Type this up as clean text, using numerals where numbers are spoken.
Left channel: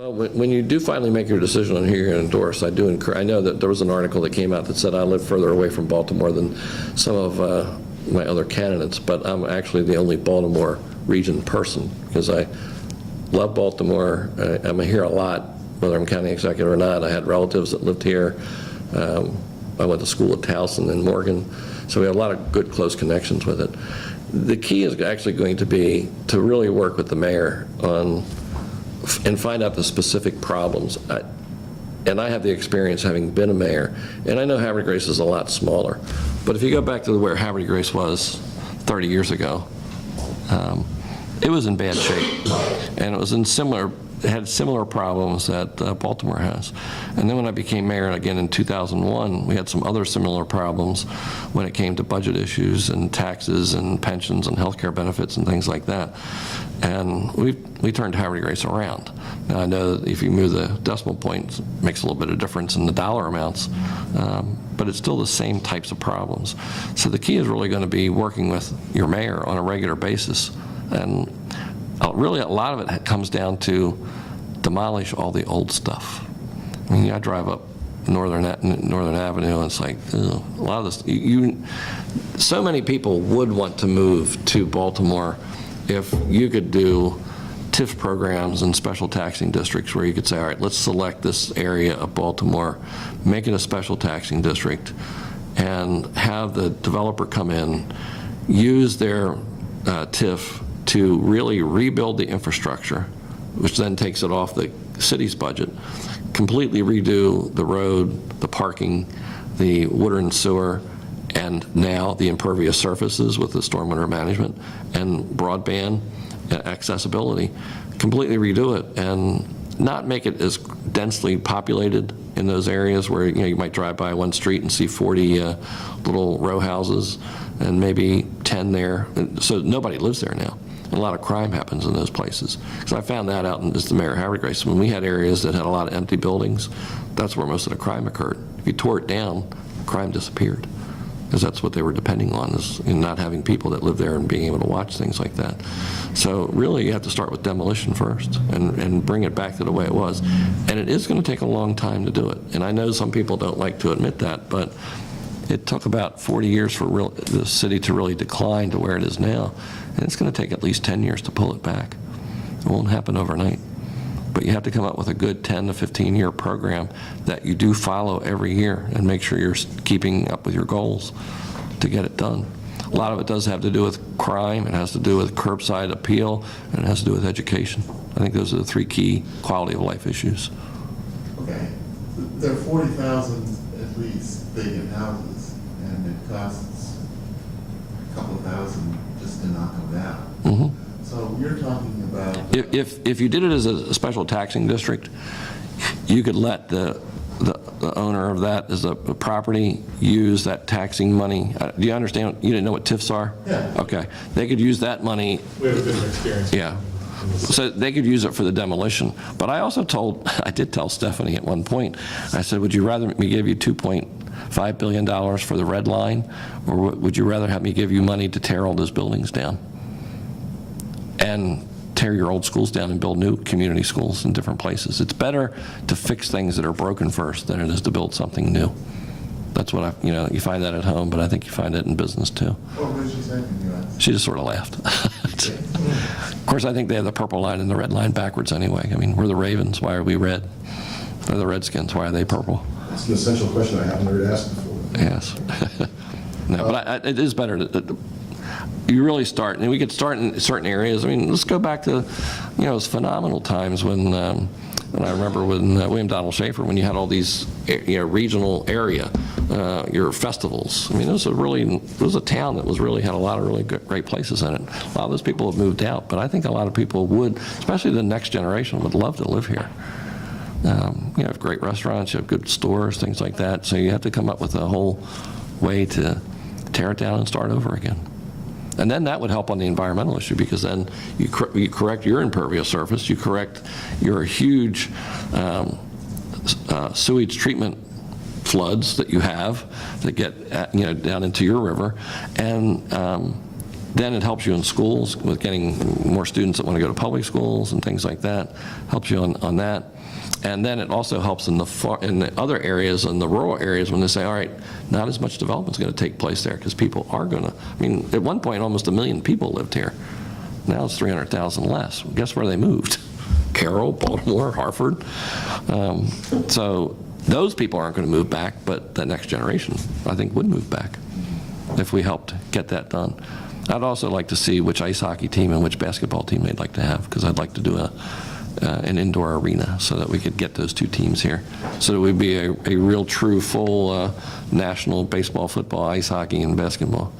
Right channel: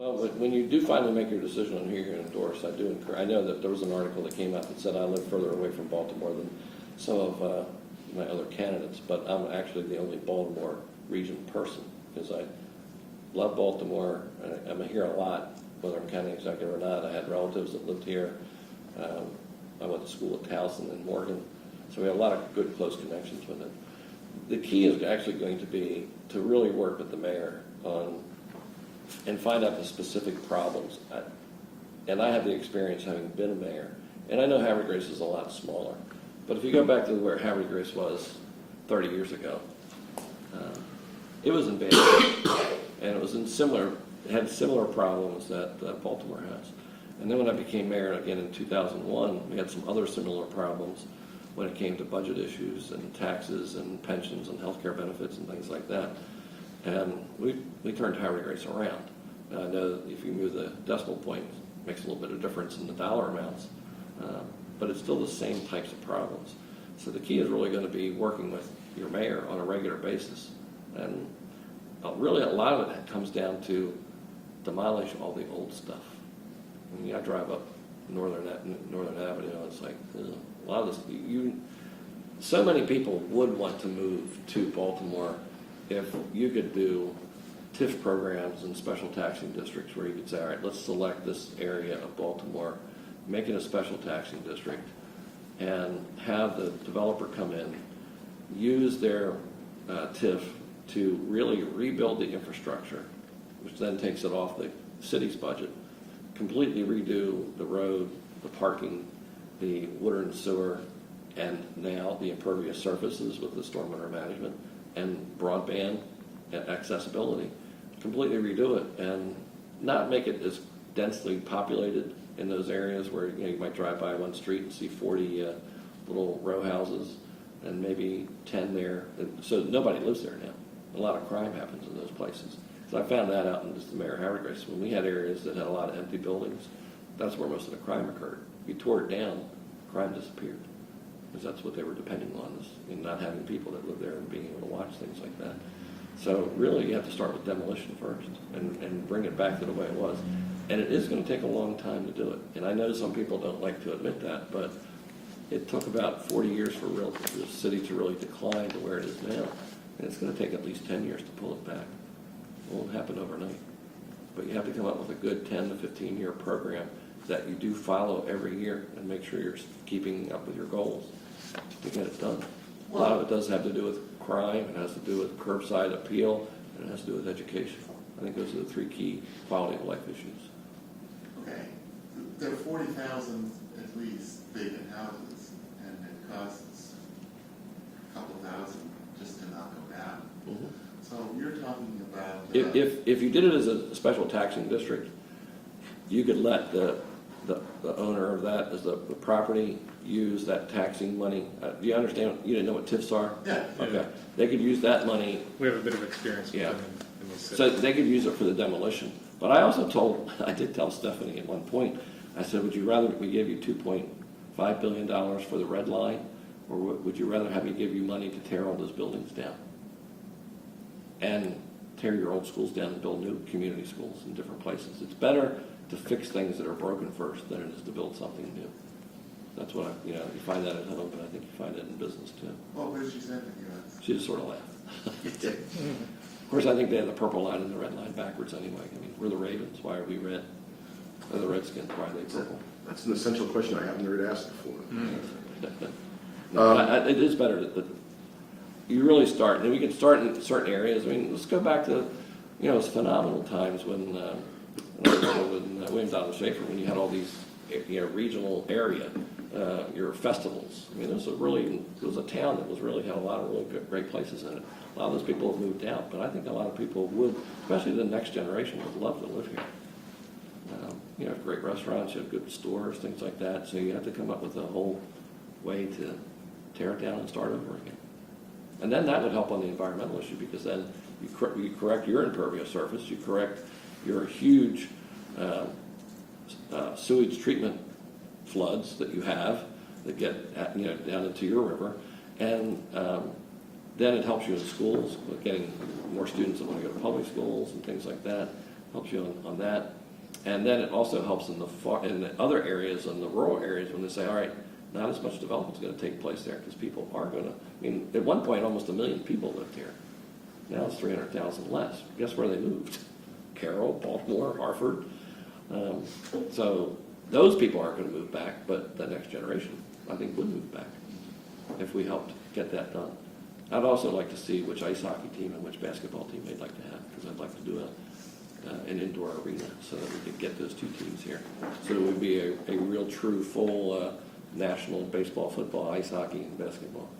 Well, when you do finally make your decision on who you're going to endorse, I do encourage. I know that there was an article that came out that said I live further away from Baltimore than some of my other candidates, but I'm actually the only Baltimore region person because I love Baltimore. I'm here a lot, whether I'm county executive or not. I had relatives that lived here. I went to school at Towson and Morgan, so we have a lot of good, close connections with it. The key is actually going to be to really work with the mayor on and find out the specific problems. And I have the experience having been a mayor, and I know Havre de Grace is a lot smaller. But if you go back to where Havre de Grace was 30 years ago, it was in bad shape, and it had similar problems that Baltimore has. And then when I became mayor again in 2001, we had some other similar problems when it came to budget issues and taxes and pensions and health care benefits and things like that. And we turned Havre de Grace around. Now I know that if you move the decimal points, it makes a little bit of difference in the dollar amounts, but it's still the same types of problems. So the key is really going to be working with your mayor on a regular basis. And really a lot of it comes down to demolish all the old stuff. I mean, I drive up Northern Avenue and it's like, ugh, a lot of this, so many people would want to move to Baltimore if you could do TIF programs and special taxing districts where you could say, all right, let's select this area of Baltimore, make it a special taxing district, and have the developer come in, use their TIF to really rebuild the infrastructure, which then takes it off the city's budget, completely redo the road, the parking, the water and sewer, and now the impervious surfaces with the stormwater management and broadband accessibility, completely redo it and not make it as densely populated in those areas where you might drive by one street and see 40 little row houses and maybe 10 there, so nobody lives there now. And a lot of crime happens in those places. So I found that out as the mayor of Havre de Grace. When we had areas that had a lot of empty buildings, that's where most of the crime occurred. If you tore it down, crime disappeared, because that's what they were depending on, is not having people that live there and being able to watch things like that. So really you have to start with demolition first and bring it back to the way it was. And it is going to take a long time to do it. And I know some people don't like to admit that, but it took about 40 years for the city to really decline to where it is now. And it's going to take at least 10 years to pull it back. It won't happen overnight. But you have to come up with a good 10 to 15-year program that you do follow every year and make sure you're keeping up with your goals to get it done. A lot of it does have to do with crime, it has to do with curbside appeal, and it has to do with education. I think those are the three key quality of life issues. Okay. There are 40,000 at least vacant houses, and it costs a couple of thousand just to knock them down. Mm-hmm. So you're talking about... If you did it as a special taxing district, you could let the owner of that as a property use that taxing money. Do you understand? You didn't know what TIFs are? Yeah. Okay. They could use that money. We have a bit of experience. Yeah. So they could use it for the demolition. But I also I did tell Stephanie at one point, I said, would you rather me give you $2.5 billion for the red line, or would you rather have me give you money to tear all those buildings down and tear your old schools down and build new community schools in different places? It's better to fix things that are broken first than it is to build something new. That's what you find that at home, but I think you find it in business too. What did she say to you? She just sort of laughed. Of course, I think they have the purple line and the red line backwards anyway. I mean, we're the Ravens, why are we red? They're the Redskins, why are they purple? That's an essential question I haven't heard asked before. Yes. No, but it is better to you really start, and we could start in certain areas. I mean, let's go back to, it's phenomenal times when I remember when William Donald Schaefer, when you had all these, regional area, your festivals. I mean, it was a town that had a lot of really great places in it. A lot of those people have moved out, but I think a lot of people would, especially the next generation, would love to live here. You have great restaurants, you have good stores, things like that. So you have to come up with a whole way to tear it down and start over again. And then that would help on the environmental issue, because then you correct your impervious surface, you correct your huge sewage treatment floods that you have that get down into your river, and Then it helps you in schools with getting more students that want to go to public schools and things like that. Helps you on that. And then it also helps in the other areas, in the rural areas, when they say, all right, not as much development is going to take place there because people are going to, I mean, at one point, almost 1 million people lived here. Now it's 300,000 less. Guess where they moved? Carroll, Baltimore, Hartford. So those people aren't going to move back, but the next generation, I think, would move back if we helped get that done. I'd also like to see which ice hockey team and which basketball team they'd like to have, because I'd like to do an indoor arena so that we could get those two teams here. So that we'd be a real, true, full national baseball, football, ice hockey, and basketball.